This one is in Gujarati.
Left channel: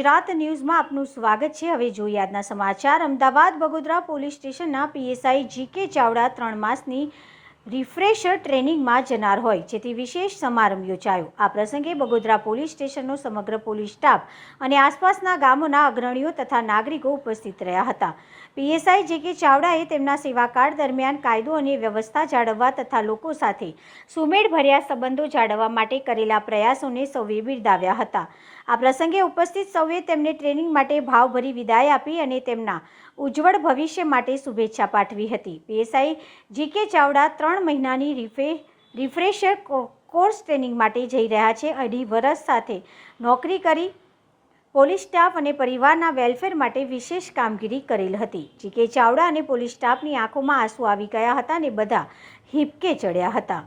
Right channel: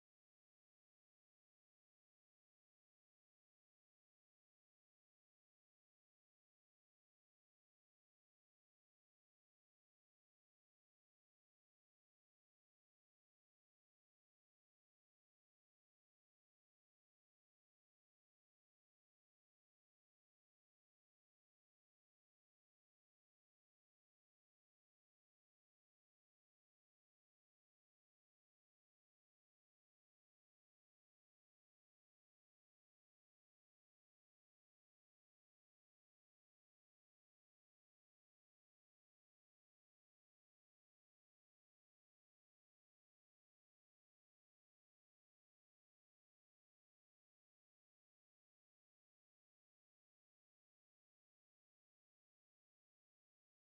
ગુજરાત ન્યૂઝમાં આપનું સ્વાગત છે। હવે જોઈએ આજના સમાચાર। અમદાવાદ બગોદરા પોલીસ સ્ટેશનના પીએસઆઈ જીકે ચાવડા 3 માસની રિફ્રેશર ટ્રેનિંગમાં જનાર હોય, જેથી વિશેષ સમારંભ યોજાયો। આ પ્રસંગે બગોદરા પોલીસ સ્ટેશનનો સમગ્ર પોલીસ સ્ટાફ અને આસપાસના ગામોના અગ્રણીઓ તથા નાગરિકો ઉપસ્થિત રહ્યા હતા। પીએસઆઈ જીકે ચાવડાએ તેમના સેવાકાળ દરમિયાન કાયદો અને વ્યવસ્થા જાળવવા તથા લોકો સાથે સુમેળભર્યા સંબંધો જાળવવા માટે કરેલા પ્રયાસોને સૌએ બિરદાવ્યા હતા। આ પ્રસંગે ઉપસ્થિત સૌએ તેમને ટ્રેનિંગ માટે ભાવભરી વિદાય આપી અને તેમના ઉજ્જવળ ભવિષ્ય માટે શુભેચ્છા પાઠવી હતી। પીએસઆઈ જીકે ચાવડા 3 મહિનાની રિફ્રેશર કોર્સ ટ્રેનિંગ માટે જઈ રહ્યા છે। 2.5 વર્ષ સાથે નોકરી કરી પોલીસ સ્ટાફ અને પરિવારના વેલફેર માટે વિશેષ કામગીરી કરેલ હતી। જીકે ચાવડા અને પોલીસ સ્ટાફની આંખોમાં આંસુ આવી ગયા હતા અને બધા હિબકે ચડ્યા હતા।